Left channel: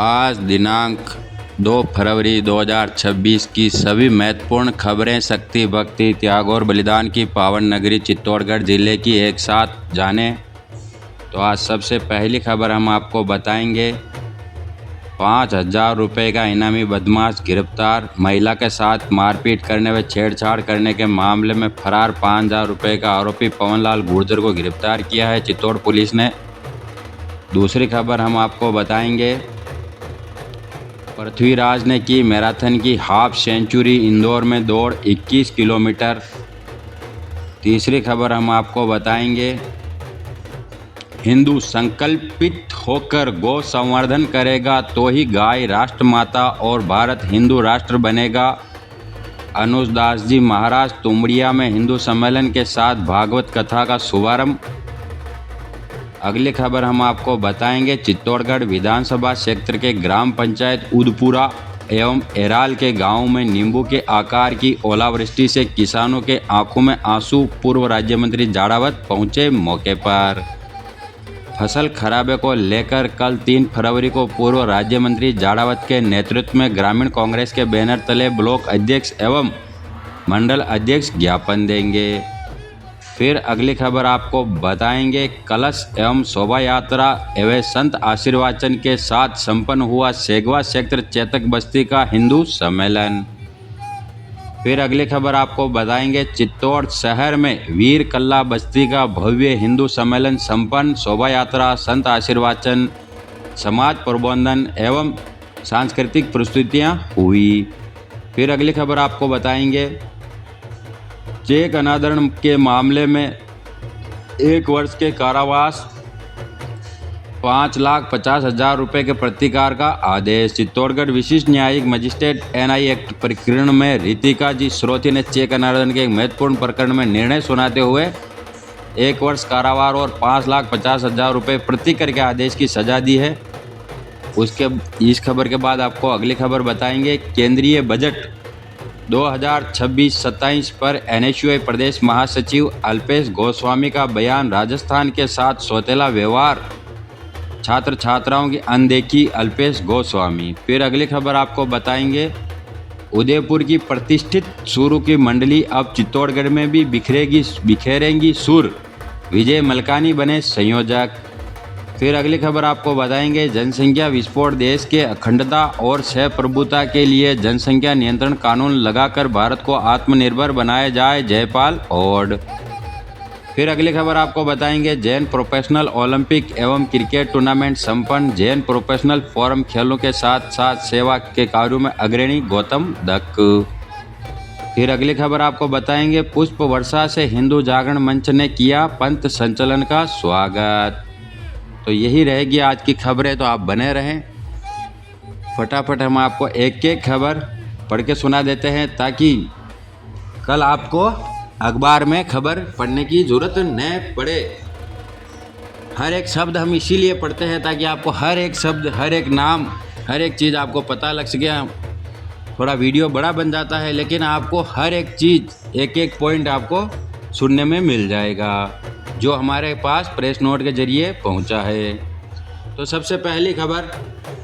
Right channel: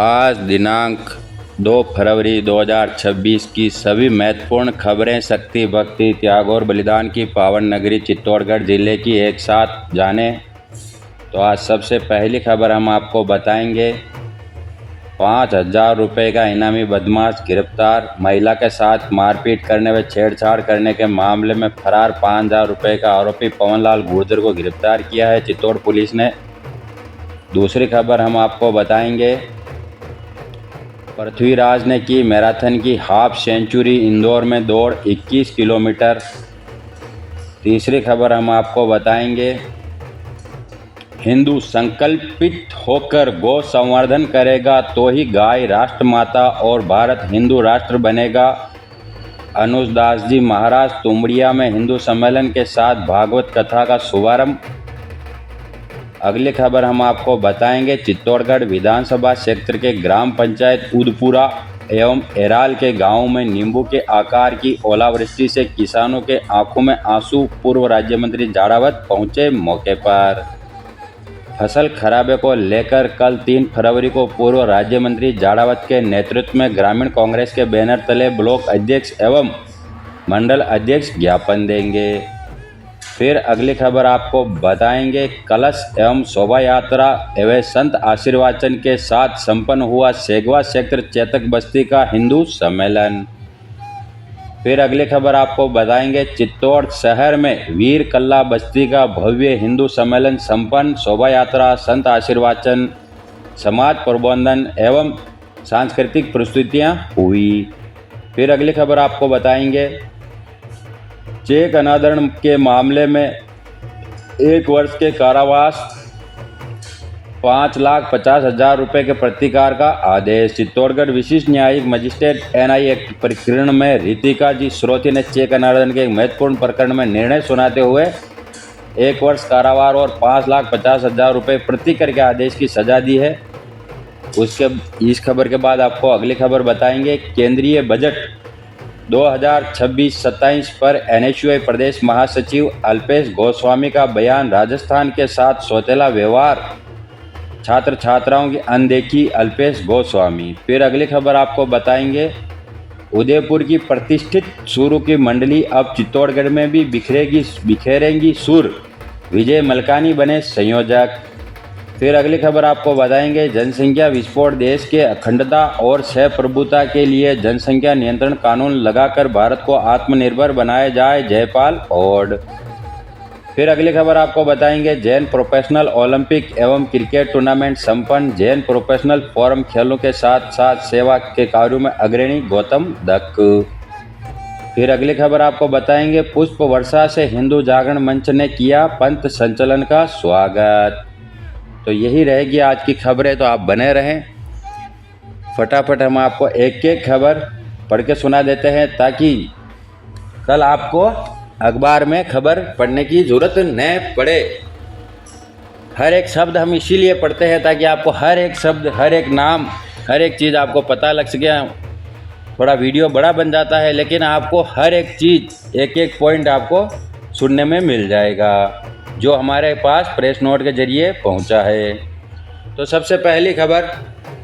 आज दिनांक 2 फरवरी 2026 की सभी महत्वपूर्ण खबरें शक्ति, भक्ति, त्याग और बलिदान की पावन नगरी चित्तौड़गढ़ जिले की एक साथ जाने। तो आज सबसे पहली खबर हम आपको बताएंगे। 5,000 रुपये का इनामी बदमाश गिरफ्तार। महिला के साथ मारपीट करने व छेड़छाड़ करने के मामले में फरार 5,000 रुपये का आरोपी पवनलाल गुर्जर को गिरफ्तार किया है चित्तौड़ पुलिस ने। दूसरी खबर हम आपको बताएंगे। पृथ्वीराज ने की मैराथन की हाफ सेंचुरी, इंदौर में दौड़ 21 किलोमीटर। तीसरी खबर हम आपको बताएंगे। हिंदू संकल्पित होकर गौ संवर्धन करेगा तो ही गाय राष्ट्रमाता और भारत हिंदू राष्ट्र बनेगा। अनुज दास जी महाराज तुमड़िया में हिंदू सम्मेलन के साथ भागवत कथा का शुभारंभ। अगली खबर हम आपको बताएंगे। चित्तौड़गढ़ विधानसभा क्षेत्र के ग्राम पंचायत उदपुरा एवं एराल के गांव में नींबू के आकार की ओलावृष्टि से किसानों के आंखों में आंसू। पूर्व राज्य मंत्री जाड़ावत पहुंचे मौके पर। फसल खराबे को लेकर कल 3 फरवरी को पूर्व राज्य मंत्री जाड़ावत के नेतृत्व में ग्रामीण कांग्रेस के बैनर तले ब्लॉक अध्यक्ष एवं मंडल अध्यक्ष ज्ञापन देंगे। फिर अगली खबर आपको बताएंगे। कलश एवं शोभा यात्रा एवं संत आशीर्वाचन के साथ संपन्न हुआ सेगवा क्षेत्र चेतक बस्ती का हिंदू सम्मेलन। फिर अगली खबर आपको बताएंगे। चित्तौड़ शहर में वीर कल्ला बस्ती का भव्य हिंदू सम्मेलन संपन्न। शोभा यात्रा, संत आशीर्वाचन, समाज प्रबंधन एवं सांस्कृतिक प्रस्तुतियां हुई। फिर अगली खबर आपको बताएंगे। चेक अनादरण के मामले में 1 वर्ष के कारावास, 5,50,000 रुपये के प्रतिकार का आदेश। चित्तौड़गढ़ विशिष्ट न्यायिक मजिस्ट्रेट NI एक्ट प्रकरण में रितिका जी श्रोती ने चेक अनादरण के एक महत्वपूर्ण प्रकरण में निर्णय सुनाते हुए 1 वर्ष कारावास और 5,50,000 रुपये प्रतिकर के आदेश की सजा दी है। इस खबर के बाद आपको अगली खबर बताएंगे। केंद्रीय बजट 2026-27 पर NSUI प्रदेश महासचिव अल्पेश गोस्वामी का बयान। राजस्थान के साथ सौतेला व्यवहार, छात्र छात्राओं की अनदेखी, अल्पेश गोस्वामी। फिर अगली खबर आपको बताएंगे। उदयपुर की प्रतिष्ठित सुरों की मंडली अब चित्तौड़गढ़ में भी बिखेरेंगी सुर। विजय मलकानी बने संयोजक। फिर अगली खबर आपको बताएंगे। जनसंख्या विस्फोट, देश के अखंडता और सहप्रभुता के लिए जनसंख्या नियंत्रण कानून लगाकर भारत को आत्मनिर्भर बनाया जाए, जयपाल ओड। फिर अगली खबर आपको बताएंगे। जैन प्रोफेशनल ओलंपिक एवं क्रिकेट टूर्नामेंट संपन्न। जैन प्रोफेशनल फोरम खेलों के साथ साथ सेवा के कार्यों में अग्रणी गौतम दक्क। फिर अगली खबर आपको बताएंगे। पुष्प वर्षा से हिंदू जागरण मंच ने किया पंथ संचलन का स्वागत। तो यही रहेगी आज की खबरें, तो आप बने रहें। फटाफट हम आपको एक एक खबर पढ़ के सुना देते हैं ताकि कल आपको अखबार में खबर पढ़ने की ज़रूरत न पड़े। हर एक शब्द हम इसीलिए पढ़ते हैं ताकि आपको हर एक शब्द, हर एक नाम, हर एक चीज़ आपको पता लग सके। थोड़ा वीडियो बड़ा बन जाता है लेकिन आपको हर एक चीज़, एक एक पॉइंट आपको सुनने में मिल जाएगा जो हमारे पास प्रेस नोट के जरिए पहुंचा है। तो सबसे पहली खबर,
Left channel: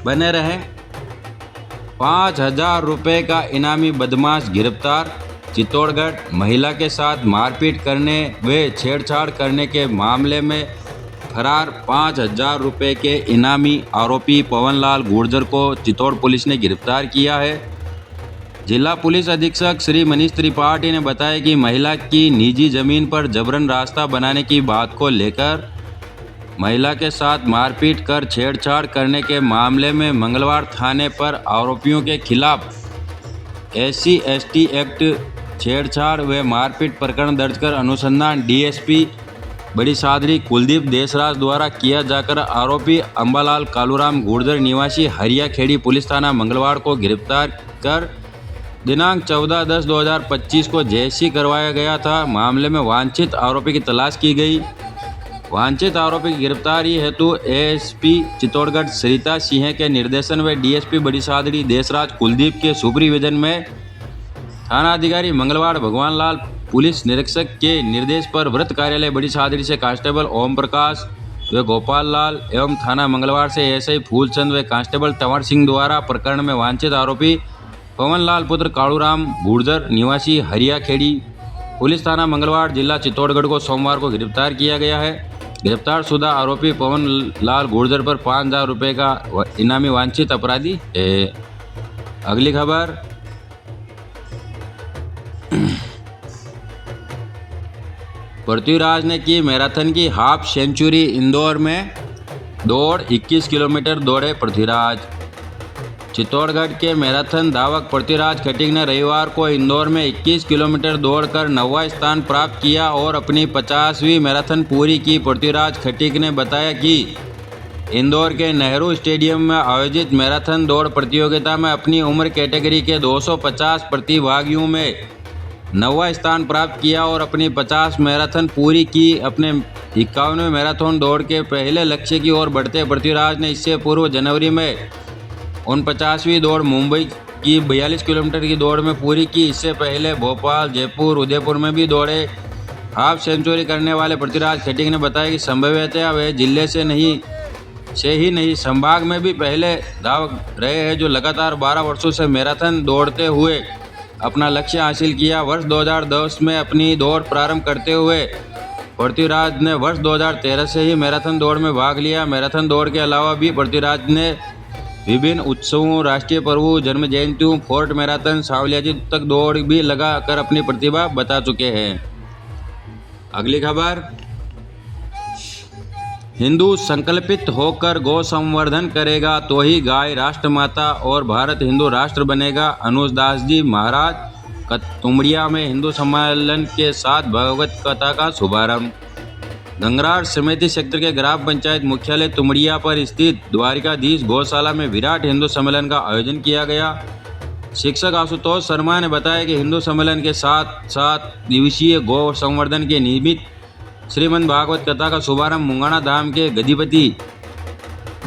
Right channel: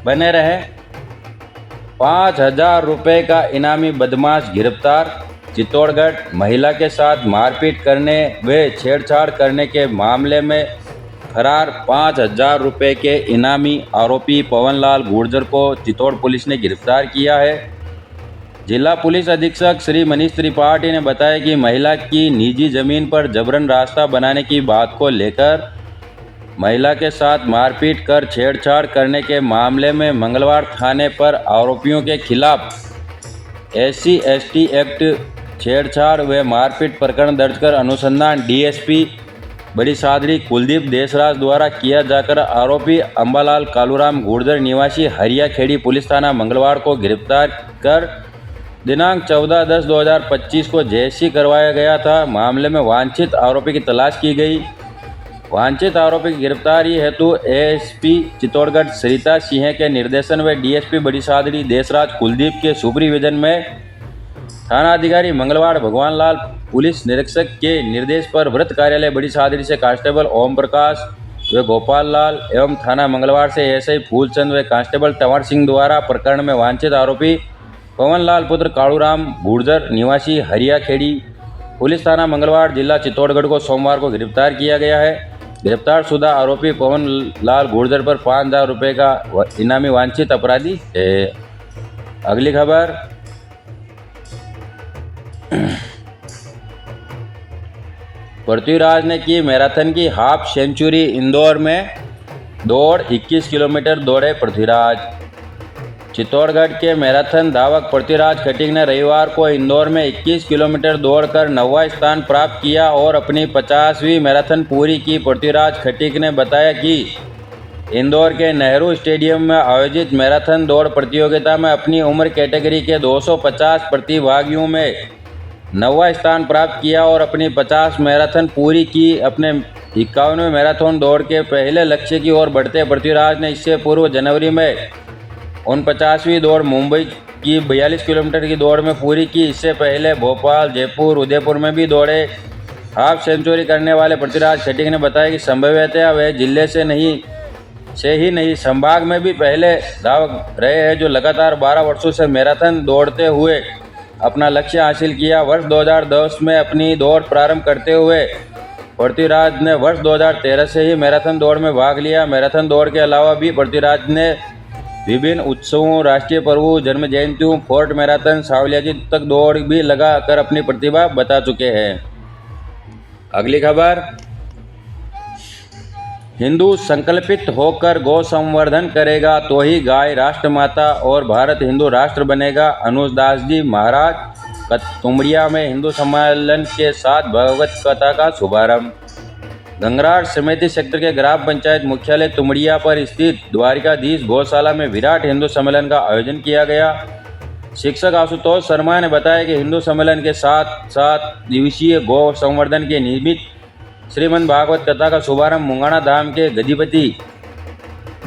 बने रहें। 5,000 रुपये का इनामी बदमाश गिरफ्तार। चित्तौड़गढ़ महिला के साथ मारपीट करने व छेड़छाड़ करने के मामले में फरार 5,000 रुपये के इनामी आरोपी पवनलाल गुर्जर को चित्तौड़ पुलिस ने गिरफ्तार किया है। जिला पुलिस अधीक्षक श्री मनीष त्रिपाठी ने बताया कि महिला की निजी जमीन पर जबरन रास्ता बनाने की बात को लेकर महिला के साथ मारपीट कर छेड़छाड़ करने के मामले में मंगलवार थाने पर आरोपियों के खिलाफ SC/ST एक्ट, छेड़छाड़ व मारपीट प्रकरण दर्ज कर अनुसंधान DSP बड़ी सादड़ी कुलदीप देशराज द्वारा किया जाकर आरोपी अंबालाल कालूराम गुर्जर निवासी हरिया खेड़ी पुलिस थाना मंगलवार को गिरफ्तार कर दिनांक 14/10/2025 को जेसी करवाया गया था। मामले में वांछित आरोपी की तलाश की गई। वांछित आरोपी की गिरफ्तारी हेतु ASP चित्तौड़गढ़ सरिता सिंह के निर्देशन व DSP बड़ी सादड़ी देशराज कुलदीप के सुपरविजन में थाना अधिकारी मंगलवार भगवान लाल पुलिस निरीक्षक के निर्देश पर वृत्त कार्यालय बड़ी सादड़ी से कांस्टेबल ओम प्रकाश, व गोपाल लाल एवं थाना मंगलवार से एसआई फूलचंद व कांस्टेबल तंवर सिंह द्वारा प्रकरण में वांछित आरोपी पवन लाल पुत्र कालूराम गुर्जर निवासी हरिया खेड़ी पुलिस थाना मंगलवार जिला चित्तौड़गढ़ को सोमवार को गिरफ्तार किया गया है। गिरफ्तार शुदा आरोपी पवन लाल गुर्जर पर 5,000 रुपये का इनामी वांछित अपराधी है। अगली खबर, पृथ्वीराज ने की मैराथन की हाफ सेंचुरी। इंदौर में दौड़ 21 किलोमीटर दौड़े पृथ्वीराज। चित्तौड़गढ़ के मैराथन धावक पृथ्वीराज खटीक ने रविवार को इंदौर में 21 किलोमीटर दौड़कर 9वां स्थान प्राप्त किया और अपनी 50वीं मैराथन पूरी की। पृथ्वीराज खटीक ने बताया कि इंदौर के नेहरू स्टेडियम में आयोजित मैराथन दौड़ प्रतियोगिता में अपनी उम्र कैटेगरी के 250 प्रतिभागियों में 9वां स्थान प्राप्त किया और अपनी 50 मैराथन पूरी की। अपने 51वें मैराथन दौड़ के पहले लक्ष्य की ओर बढ़ते पृथ्वीराज ने इससे पूर्व जनवरी में 49वीं दौड़ मुंबई की 42 किलोमीटर की दौड़ में पूरी की। इससे पहले भोपाल, जयपुर, उदयपुर में भी दौड़े। हाफ सेंचुरी करने वाले पृथ्वीराज खटीक ने बताया कि संभवतः वे जिले से ही नहीं संभाग में भी पहले धावक रहे हैं जो लगातार 12 वर्षों से मैराथन दौड़ते हुए अपना लक्ष्य हासिल किया। वर्ष 2010 में अपनी दौड़ प्रारंभ करते हुए पृथ्वीराज ने वर्ष 2013 से ही मैराथन दौड़ में भाग लिया। मैराथन दौड़ के अलावा भी पृथ्वीराज ने विभिन्न उत्सवों, राष्ट्रीय पर्वों, जन्म जयंतियों, फोर्ट मैराथन, सावलियाजी तक दौड़ भी लगा कर अपनी प्रतिभा बता चुके हैं। अगली खबर, हिंदू संकल्पित होकर गौ संवर्धन करेगा तो ही गाय राष्ट्रमाता और भारत हिंदू राष्ट्र बनेगा। अनुज दास जी महाराज तुमड़िया में हिंदू सम्मेलन के साथ भगवत कथा का शुभारंभ। गंगरार समिति सेक्टर के ग्राम पंचायत मुख्यालय तुमड़िया पर स्थित द्वारिकाधीश गौशाला में विराट हिंदू सम्मेलन का आयोजन किया गया। शिक्षक आशुतोष शर्मा ने बताया कि हिंदू सम्मेलन के साथ 7 दिवसीय गौ संवर्धन के निमित्त श्रीमद् भागवत कथा का शुभारंभ मुंगाना धाम के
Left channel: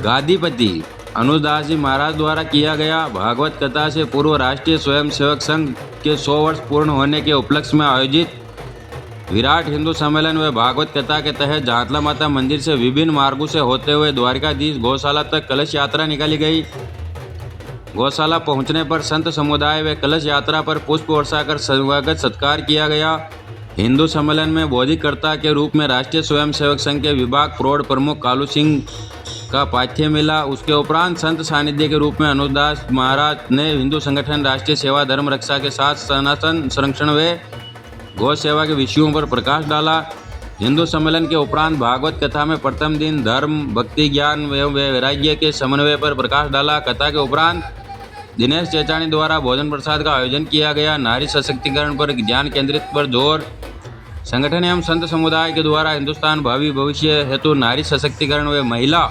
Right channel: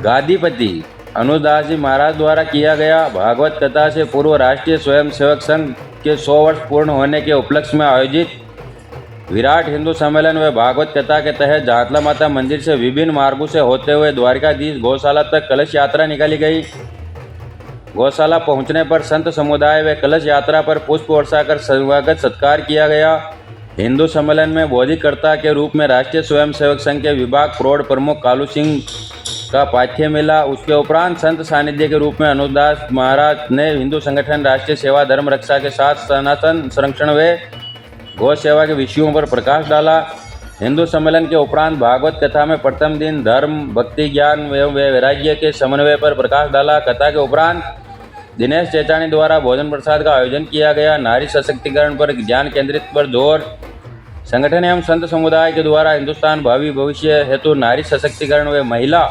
गादीपति अनुज दास जी महाराज द्वारा किया गया। भागवत कथा से पूर्व राष्ट्रीय स्वयंसेवक संघ के 100 वर्ष पूर्ण होने के उपलक्ष्य में आयोजित विराट हिंदू सम्मेलन व भागवत कथा के तहत जातला माता मंदिर से विभिन्न मार्गों से होते हुए द्वारिकाधीश गौशाला तक कलश यात्रा निकाली गई। गौशाला पहुंचने पर संत समुदाय व कलश यात्रा पर पुष्प वर्षा कर स्वागत सत्कार किया गया। हिंदू सम्मेलन में बोधिकर्ता के रूप में राष्ट्रीय स्वयंसेवक संघ के विभाग प्रौढ़ प्रमुख कालू सिंह का पाथ्य मिला। उसके उपरांत संत सानिध्य के रूप में अनुदास महाराज ने हिंदू संगठन राष्ट्रीय सेवा धर्म रक्षा के साथ सनातन संरक्षण व गौ सेवा के विषयों पर प्रकाश डाला। हिंदू सम्मेलन के उपरांत भागवत कथा में प्रथम दिन धर्म, भक्ति, ज्ञान एवं वैराग्य के समन्वय पर प्रकाश डाला। कथा के उपरांत दिनेश चेचानी द्वारा भोजन प्रसाद का आयोजन किया गया। नारी सशक्तिकरण पर ज्ञान केंद्रित पर जोर। संगठन एवं संत समुदाय के द्वारा हिंदुस्तान भावी भविष्य हेतु नारी सशक्तिकरण व महिला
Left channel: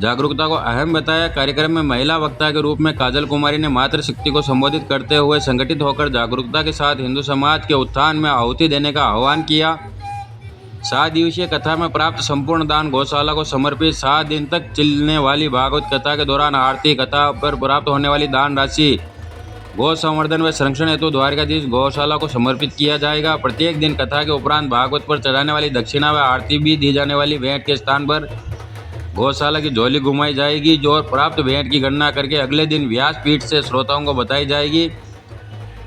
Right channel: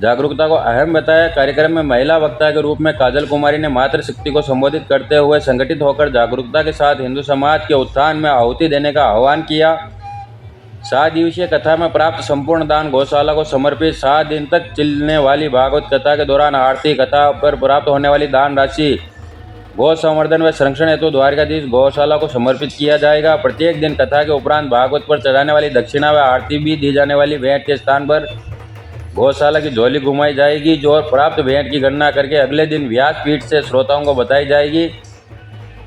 जागरूकता को अहम बताया। कार्यक्रम में महिला वक्ता के रूप में काजल कुमारी ने मातृशक्ति को संबोधित करते हुए संगठित होकर जागरूकता के साथ हिंदू समाज के उत्थान में आहुति देने का आह्वान किया। 7 दिवसीय कथा में प्राप्त संपूर्ण दान गौशाला को समर्पित। 7 दिन तक चलने वाली भागवत कथा के दौरान आरती कथा पर प्राप्त होने वाली दान राशि गौ संवर्धन व संरक्षण हेतु द्वारिकाधीश गौशाला को समर्पित किया जाएगा। प्रत्येक दिन कथा के उपरांत भागवत पर चढ़ाने वाली दक्षिणा व आरती भी दी जाने वाली भेंट के स्थान पर गौशाला की झोली घुमाई जाएगी जो प्राप्त भेंट की गणना करके अगले दिन व्यासपीठ से श्रोताओं को बताई जाएगी।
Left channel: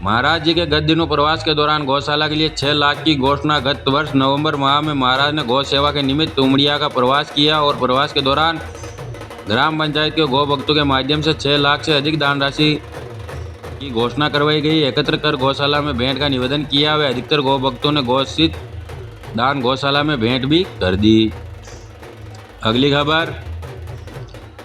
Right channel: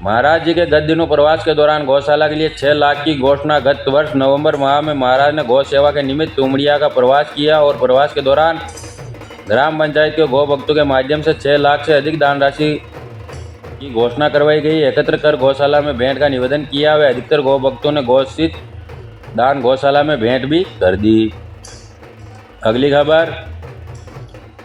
महाराज जी के गत दिनों प्रवास के दौरान गौशाला के लिए 6 लाख की घोषणा। गत वर्ष नवंबर माह में महाराज ने गौ सेवा के निमित्त तुमड़िया का प्रवास किया और प्रवास के दौरान ग्राम पंचायत के गौ भक्तों के माध्यम से 6 लाख से अधिक दान राशि की घोषणा करवाई गई। एकत्र कर गौशाला में भेंट का निवेदन किया व अधिकतर गौ भक्तों ने घोषित दान गौशाला में भेंट भी कर दी। अगली खबर,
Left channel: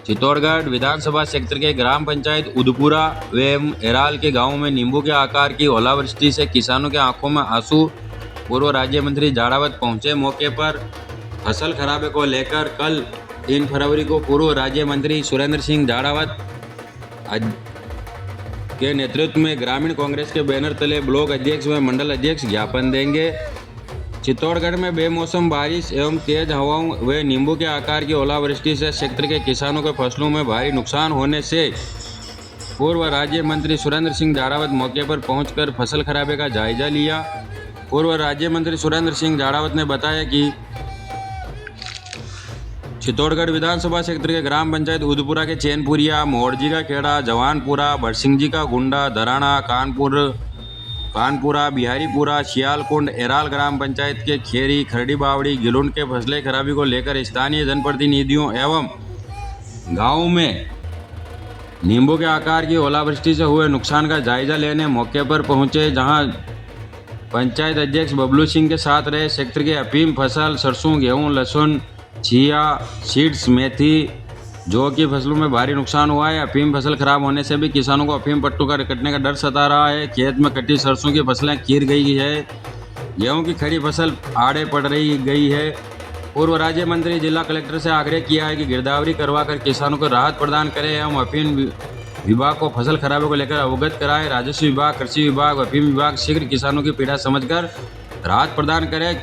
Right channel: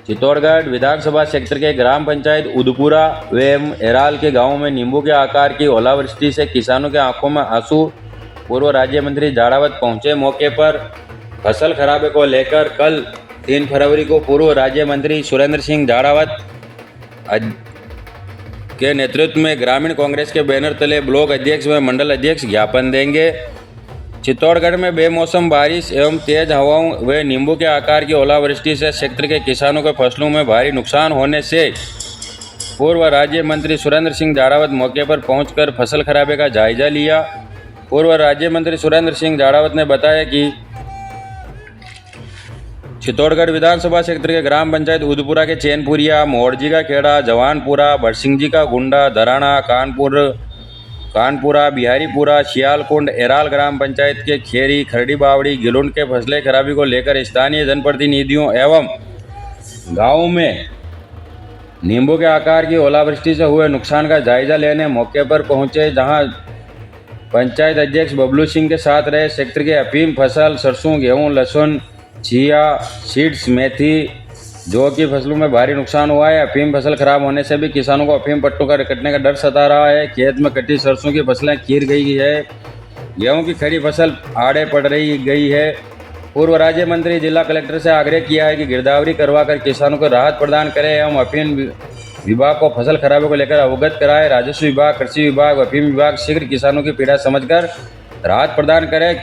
चित्तौड़गढ़ विधानसभा क्षेत्र के ग्राम पंचायत उदपुरा एवं एराल के गांवों में नींबू के आकार की ओलावृष्टि से किसानों के आंखों में आंसू। पूर्व राज्य मंत्री जाड़ावत पहुंचे। मौके पर फसल खराबे को लेकर कल 3 फरवरी को पूर्व राज्य मंत्री सुरेंद्र सिंह जाड़ावत के नेतृत्व में ग्रामीण कांग्रेस के बैनर तले ब्लॉक अध्यक्ष व मंडल अध्यक्ष ज्ञापन देंगे। चित्तौड़गढ़ में बेमौसम बारिश एवं तेज हवाओं व नींबू के आकार की ओलावृष्टि से क्षेत्र के किसानों के फसलों में भारी नुकसान होने से पूर्व राज्य मंत्री सुरेंद्र सिंह जाड़ावत मौके पर पहुंचकर फसल खराबे का जायजा लिया। पूर्व राज्य मंत्री सुरेंद्र सिंह जाड़ावत ने बताया कि चित्तौड़गढ़ विधानसभा क्षेत्र के ग्राम पंचायत उदपुरा के चैनपुरिया, मोड़जी का खेड़ा, जवानपुरा, भरसिंह जी का गुंडा, धराना, कानपुरा, बिहारीपुरा, शियालकुंड, एराल ग्राम पंचायत के खेरी, खरड़ी बावड़ी, गिलुंड के फसलें खराबी को लेकर स्थानीय जनप्रतिनिधियों एवं गाँव में नींबू के आकार की ओलावृष्टि से हुए नुकसान का जायजा लेने मौके पर पहुंचे, जहां पंचायत अध्यक्ष बबलू सिंह के साथ रहे। क्षेत्र के अफीम फसल, सरसों, गेहूं, लहसुन, चिया सीड्स, मेथी, जौ की फसलों में भारी नुकसान हुआ है। अफीम फसल खराब होने से भी किसानों को अफीम पट्टों का कटने का डर सता रहा है। खेत में कटी सरसों की फसलें कीर गई है। गेहूं की खड़ी फसल आड़े पड़ गई है। पूर्व राज्य मंत्री जिला कलेक्टर से आग्रह किया है कि गिरदावरी करवाकर किसानों को राहत प्रदान करें एवं अफीम विभाग को फसल खराबे को लेकर अवगत कराएं। राजस्व विभाग, कृषि विभाग, अफीम विभाग शीघ्र किसानों की पीड़ा समझकर राहत प्रदान करें।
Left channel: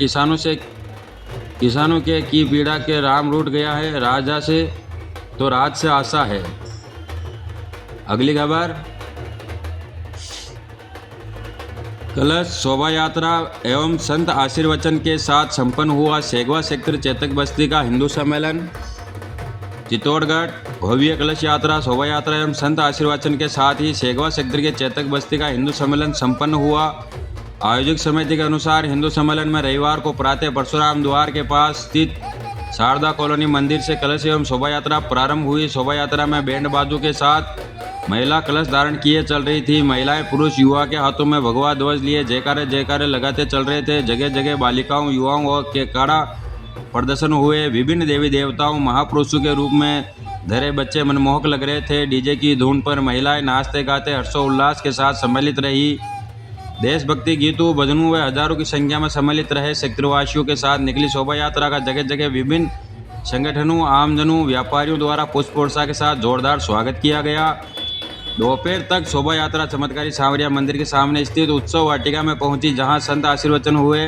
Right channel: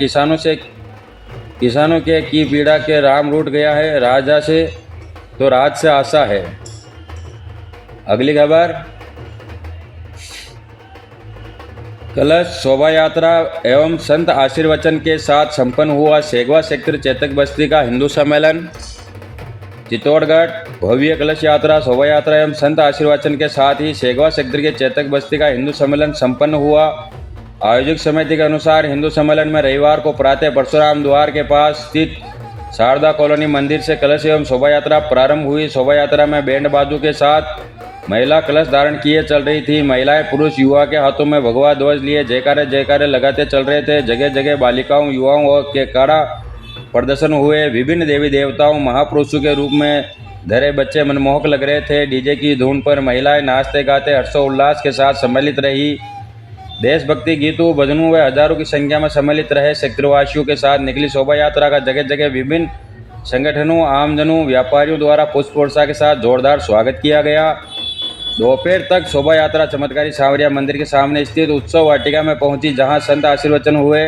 किसानों के की पीड़ा के राम रूठ गया है, राजा से तो राज से आशा है। अगली खबर, कलश शोभा यात्रा एवं संत आशीर्वचन के साथ संपन्न हुआ सेगवा सेक्टर चेतक बस्ती का हिंदू सम्मेलन। चित्तौड़गढ़ भव्य कलश यात्रा, शोभा यात्रा एवं संत आशीर्वचन के साथ ही सेगवा सेक्टर के चेतक बस्ती का हिंदू सम्मेलन संपन्न हुआ। आयोजक समिति के अनुसार हिंदू सम्मेलन में रविवार को प्रातः परशुराम द्वार के पास स्थित शारदा कॉलोनी मंदिर से कलश एवं शोभा यात्रा प्रारंभ हुई। शोभा यात्रा में बैंड बाजू के साथ महिला कलश धारण किए चल रही थी। महिलाएं, पुरुष, युवा के हाथों में भगवा ध्वज लिए जयकारे लगाते चल रहे थे। जगह जगह बालिकाओं, युवाओं के काड़ा प्रदर्शन हुए। विभिन्न देवी देवताओं, महापुरुषों के रूप में धरे बच्चे मनमोहक लग रहे थे। डीजे की धुन पर महिलाएं नाचते गाते हर्षोल्लास के साथ सम्मिलित रही। देशभक्ति गीतों, भजनों व हजारों की संख्या में सम्मिलित रहे क्षेत्रवासियों के साथ निकली शोभा यात्रा का जगह जगह विभिन्न संगठनों, आमजनों, व्यापारियों द्वारा पुष्प वर्षा के साथ जोरदार स्वागत किया गया। दोपहर तक शोभा यात्रा चमत्कारी सांवरिया मंदिर के सामने स्थित उत्सव वाटिका में पहुंची, जहां संत आशीर्वचन हुए।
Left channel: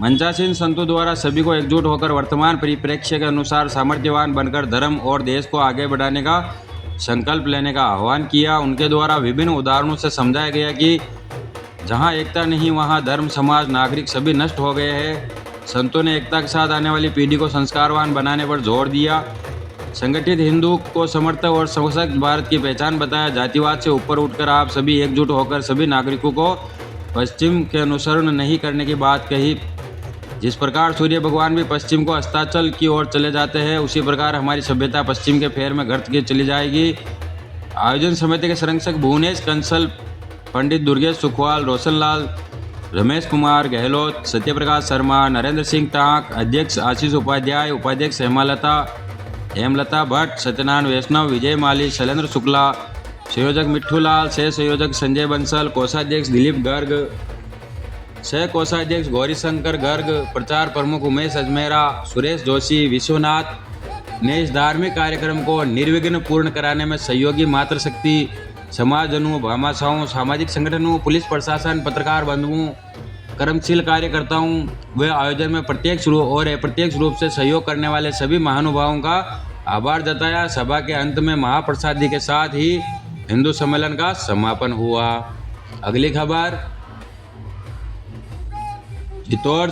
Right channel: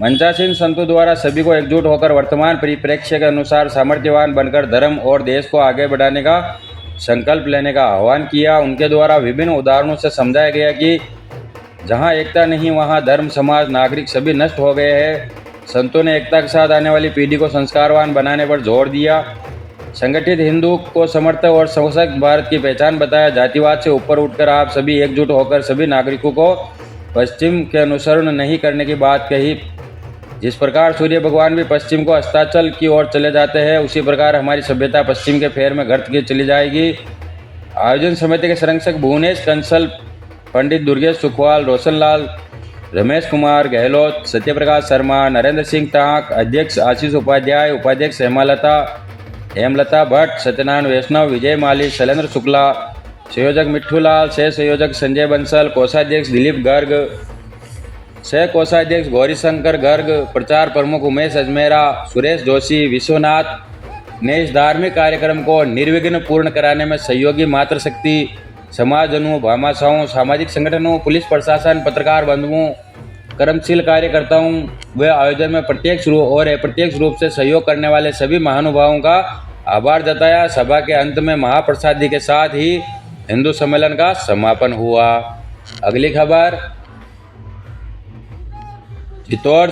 मंचासीन संतों द्वारा सभी को एकजुट होकर वर्तमान परिप्रेक्ष्य के अनुसार सामर्थ्यवान बनकर धर्म और देश को आगे बढ़ाने का संकल्प लेने का आह्वान किया। उनके द्वारा विभिन्न उदाहरणों से समझाया गया कि जहां एकता नहीं वहां धर्म, समाज, नागरिक सभी नष्ट हो गए हैं। संतों ने एकता के साथ आने वाली पीढ़ी को संस्कारवान बनाने पर जोर दिया। संगठित हिंदू को समर्थ और सशक्त भारत की पहचान बताया। जातिवाद से ऊपर उठकर आप सभी एकजुट होकर सभी नागरिकों को पश्चिम के अनुसरण नहीं करने की बात कही। जिस प्रकार सूर्य भगवान भी पश्चिम को अस्ताचल की ओर चले जाते हैं, उसी प्रकार हमारी सभ्यता पश्चिम के फेर में गर्त की चली जाएगी। आयोजन समिति के संरक्षक भुवनेश कंसल, पंडित दुर्गेश सुखवाल, रोशनलाल, रमेश कुमार गहलोत, सत्यप्रकाश शर्मा, नरेंद्र सिंह टाँक, अध्यक्ष आशीष उपाध्याय, उपाध्यक्ष हेमलता भट्ट, सत्यनारायण वैष्णव, विजय माली, शैलेंद्र शुक्ला, संयोजक मिट्ठूलाल, सह संयोजक संजय बंसल, कोषाध्यक्ष दिलीप गर्ग, सह कोषाध्यक्ष गौरीशंकर गर्ग, प्रचार प्रमुख उमेश अजमेरा, सुरेश जोशी, विश्वनाथ ने इस धार्मिक कार्यक्रम को निर्विघ्न पूर्ण कराने में सहयोगी मातृशक्ति, समाजजनों, भामाशाहों, सामाजिक संगठनों, पुलिस प्रशासन, पत्रकार बंधुओं, कर्मशील कार्यकर्ताओं व आयोजन में प्रत्यक्ष रूप और अप्रत्यक्ष रूप से सहयोग करने वाले सभी महानुभावों का आभार जताया। सभा के अंत में महाप्रसादी के साथ ही हिंदू सम्मेलन का समापन हुआ। अगली खबर, चित्तौड़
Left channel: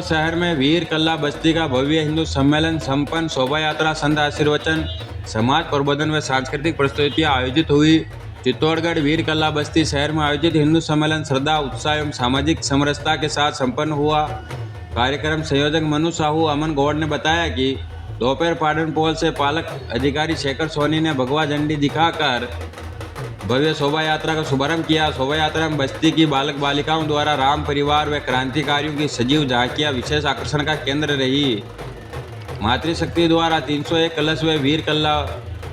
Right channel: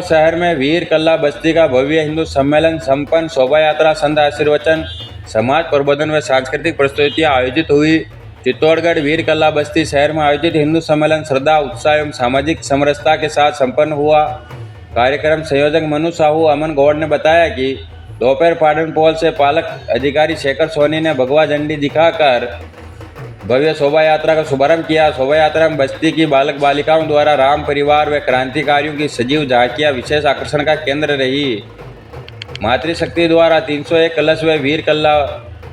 शहर में वीर कल्ला बस्ती का भव्य हिंदू सम्मेलन संपन्न। शोभा यात्रा, संत आशीर्वचन, समाज प्रबोधन व सांस्कृतिक प्रस्तुतियाँ आयोजित हुई। चित्तौड़गढ़ वीर कल्ला बस्ती शहर में आयोजित हिंदू सम्मेलन श्रद्धा, उत्साह एवं सामाजिक समरसता के साथ संपन्न हुआ। कार्यक्रम संयोजक मनु साहू अमन गौड़ ने बताया कि दोपहर पाटन पोल से पालक अधिकारी शेखर सोनी ने भगवा झंडी दिखाकर भव्य शोभा यात्रा का शुभारंभ किया। शोभा यात्रा में बस्ती की बालक बालिकाओं द्वारा राम परिवार व क्रांतिकारियों की सजीव झांकियां विशेष आकर्षण का केंद्र रही। मातृशक्ति द्वारा 301 कलश व वीर कल्ला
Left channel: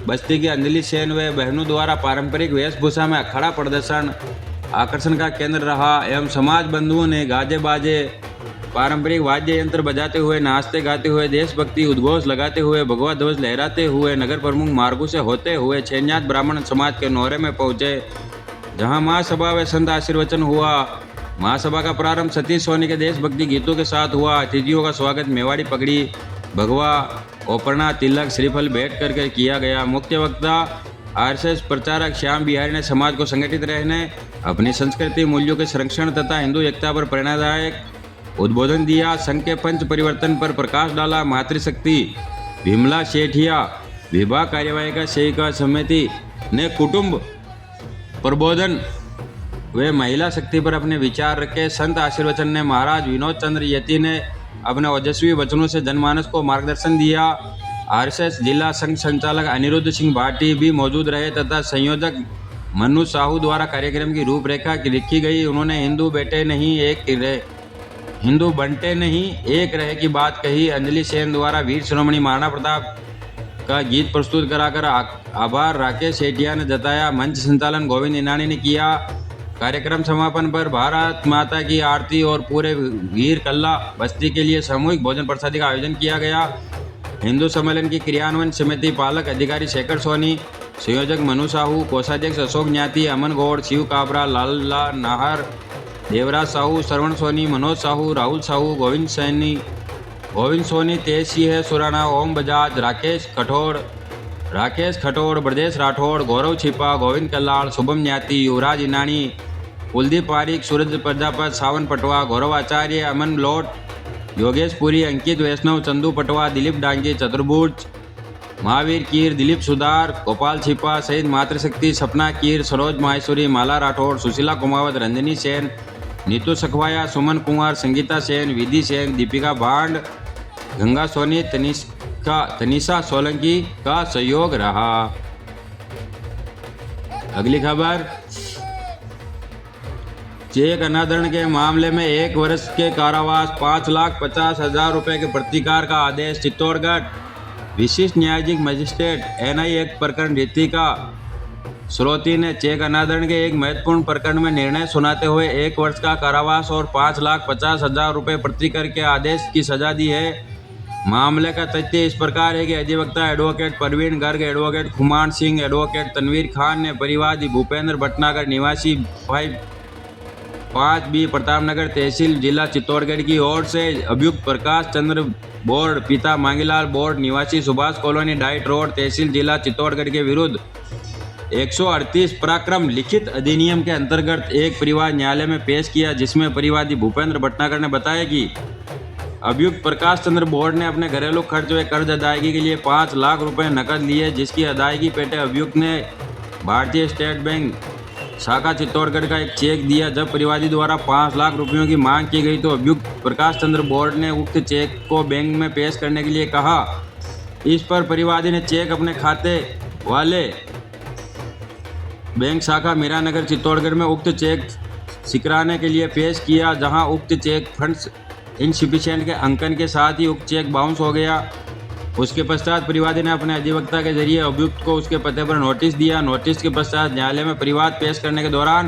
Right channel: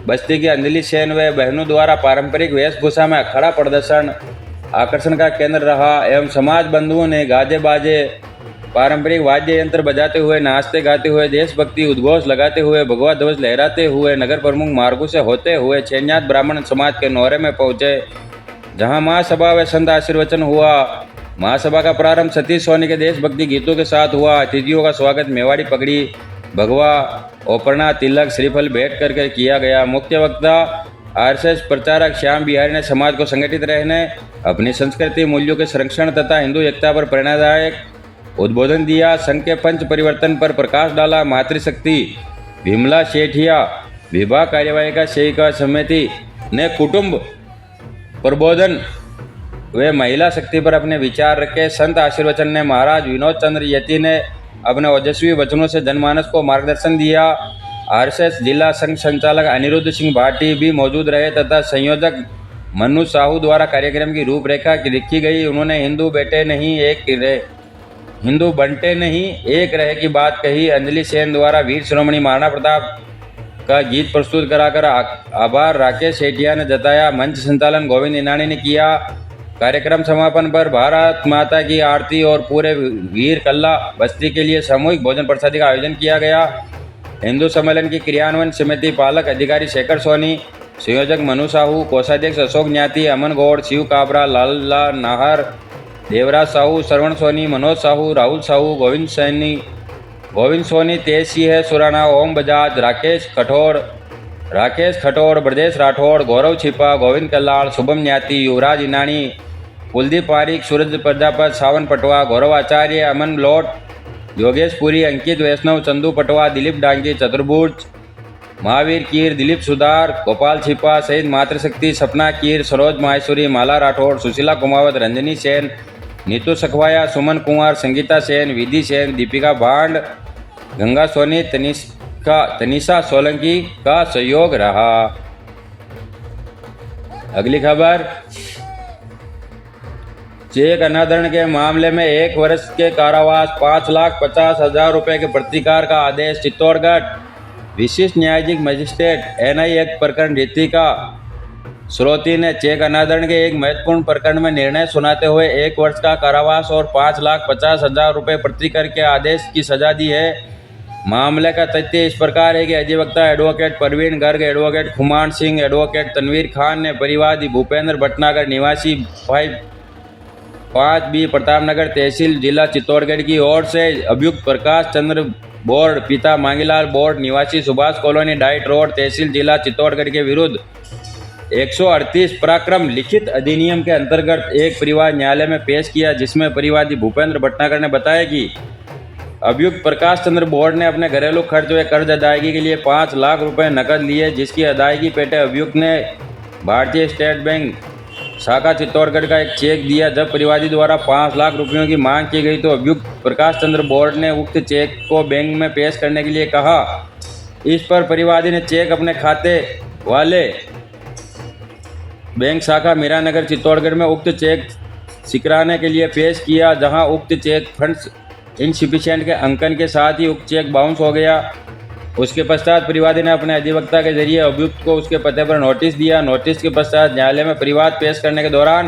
बस्ती की अंजलि सेन व बहनों द्वारा पारंपरिक वेशभूषा में अखाड़ा प्रदर्शन आकर्षण का केंद्र रहा एवं समाज बंधुओं ने गाजे बाजे, पारंपरिक वाद्य यंत्र बजाते हुए, नाचते गाते हुए, देशभक्ति उद्घोष लगाते हुए, भगवा ध्वज लहराते हुए नगर प्रमुख मार्गों से होते हुए छेन्यात ब्राह्मण समाज के नौरे में पहुंचे, जहां महासभा व संत आशीर्वचन हुआ। महासभा का प्रारंभ सतीश सोनी के देशभक्ति गीतों के साथ हुआ। अतिथियों का स्वागत मेवाड़ी पगड़ी, भगवा, ओपरना, तिलक, श्रीफल भेंट कर किया गया। मुख्य वक्ता आरएसएस प्रचारक श्याम बिहारी ने समाज को संगठित रहने, अपनी संस्कृति मूल्यों के संरक्षण तथा हिंदू एकता पर प्रेरणादायक उद्बोधन दिया। संघ के पंच परिवर्तन पर प्रकाश डाला। मातृशक्ति विमला सेठिया विभाग कार्यवाही सेविका समिति ने कुटुंब प्रबोधन वे महिला शक्ति पर अपने विचार रखे। संत आशीर्वचन ने महाराज विनोद चंद्र यति ने अपने ओजस्वी वचनों से जनमानस को मार्गदर्शन दिया। आरएसएस जिला संघ संचालक अनिरुद्ध सिंह भाटी भी मौजूद रहे तथा संयोजक मनु साहू द्वारा कार्यक्रम की रूपरेखा लिखी गई। उन्होंने हिंदू बंटे नहीं एक रहे की बात कही। अंजलि सेन द्वारा वीर शिरोमणि महाराणा प्रताप का गीत प्रस्तुत कराकर आभार राकेश सेठिया ने जताया। मंच संचालन गोविंद इनानी ने किया। कार्यक्रम समापन पर भारत माता की आरती और पूरे वीर कल्ला बस्ती के लिए सामूहिक भोजन प्रसादी का आयोजन किया गया। हिंदू सम्मेलन की क्रियान्वयन समिति पालक अधिकारी शेखर सोनी, संयोजक मनु साहू, कोषाध्यक्ष अशोक न्याती, अमन गौड़, शिव काबरा, लाला नाहर, देवराज साहू, श्रवण सोनी, मनोज साहू, राहुल साहू, गोविंद सोनी, तेज सिंह सुराना, ओम बजाज, राकेश खटोड़, ब्रजेश राठौड़, गौरव छिपा, गोविंद कल्लाड़, शुभम न्याती, युवराज इनानी, कुलदीप पारिक, सूरज प्रजापत, सावन पटवा, गौरव आचार्य, अमन लोट, योगेश पुरी, अंकित वैष्णव, चंदू पटवा, दिलीप डांगी, चतुर्भुज, महावीर कीर, दिलीप सुधार, गोपाल छिपा सहित मातृशक्ति, सपना कीर, सरोज माहेश्वरी, माला राठौड़, सुशीला कुमावत, रंजनी सेन, नीतू सखवाया, सुमन कुमार, संगीता सेन, विधि सेन, दीपिका भांड, गंगा सोनी, तनिषा सोलंकी का सहयोग रहा। अगली खबर, चेक अनादरण के मामले में 1 वर्ष के कारावास 5,50,000 रुपए के प्रतिकार का आदेश। चित्तौड़गढ़ विशिष्ट न्यायिक मजिस्ट्रेट NI एक्ट प्रकरण रितिका श्रोती ने चेक अनादरण के एक महत्वपूर्ण प्रकरण में निर्णय सुनाते हुए 1 वर्ष का कारावास और 5,50,000 रुपए प्रतिकर के आदेश की सजा दी है। मामले का तथ्य इस प्रकार है कि अधिवक्ता advocate Praveen Garg, advocate Khuman Singh, advocate Tanvir Khan ने परिवादी भूपेंद्र भटनागर निवासी 5B प्रतापनगर तहसील जिला चित्तौड़गढ़ की ओर से अभियुक्त प्रकाश चंद्र बोर्ड पिता मांगीलाल बोर्ड निवासी सुभाष कॉलोनी डाइट रोड तहसील जिला चित्तौड़गढ़ के विरुद्ध 138 प्रक्रम लिखित अधिनियम के अंतर्गत एक परिवार न्यायालय में पेश किया, जिसमें परिवादी भूपेंद्र भटनागर ने बताया कि अभियुक्त प्रकाश चंद्र बोर्ड ने अपने घरेलू खर्च व कर्ज अदायगी के लिए 5 लाख रुपए नकद लिए, जिसकी अदायगी पेटे अभियुक्त ने भारतीय स्टेट बैंक शाखा चित्तौड़गढ़ का एक चेक दिया। जब परिवादी द्वारा 5 लाख रुपयों की मांग की गई तो अभियुक्त प्रकाश चंद्र बोर्ड ने उक्त चेक को बैंक में पेश करने के लिए कहा। इस पर परिवादी ने चेक अपने खाते वाले बैंक शाखा मीरानगर चित्तौड़गढ़ में उक्त चेक सिकराने के लिए पेश किया, जहां उक्त चेक फंड्स इनसफिशिएंट के अंकन के साथ ही उक्त चेक बाउंस हो गया। उसके पश्चात परिवादी ने अपने अधिवक्ता के जरिए अभियुक्त को उसके पते पर नोटिस दिया। नोटिस के पश्चात न्यायालय में परिवाद पेश करने के दौरान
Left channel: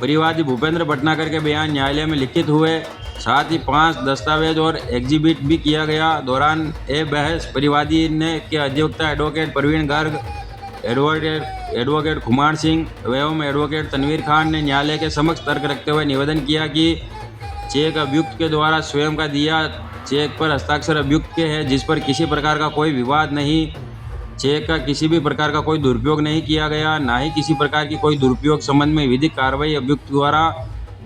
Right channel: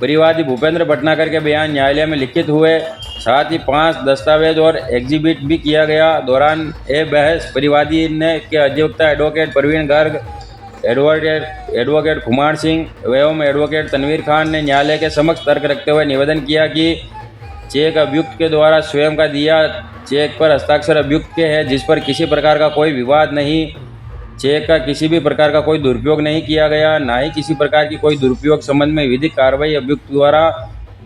परिवादी भूपेंद्र भटनागर के बयान न्यायालय में लिखित हुए, साथ ही 5 दस्तावेज और एग्जिबिट भी किया गया। दौरान बहस परिवादी ने के अधिवक्ता एडवोकेट प्रवीण गर्ग, एडवोकेट खुमान सिंह एवं एडवोकेट तनवीर खान ने न्यायालय के समक्ष तर्क रखते हुए निवेदन किया कि चेक अभियुक्त के द्वारा स्वयं का दिया चेक पर हस्ताक्षर अभियुक्त के है, जिस पर किसी प्रकार का कोई विवाद नहीं। चेक का किसी भी प्रकार का कोई दुरुपयोग नहीं किया गया, ना ही किसी प्रकार की कोई दुरुपयोग संबंध में विधिक कार्रवाई अभियुक्त द्वारा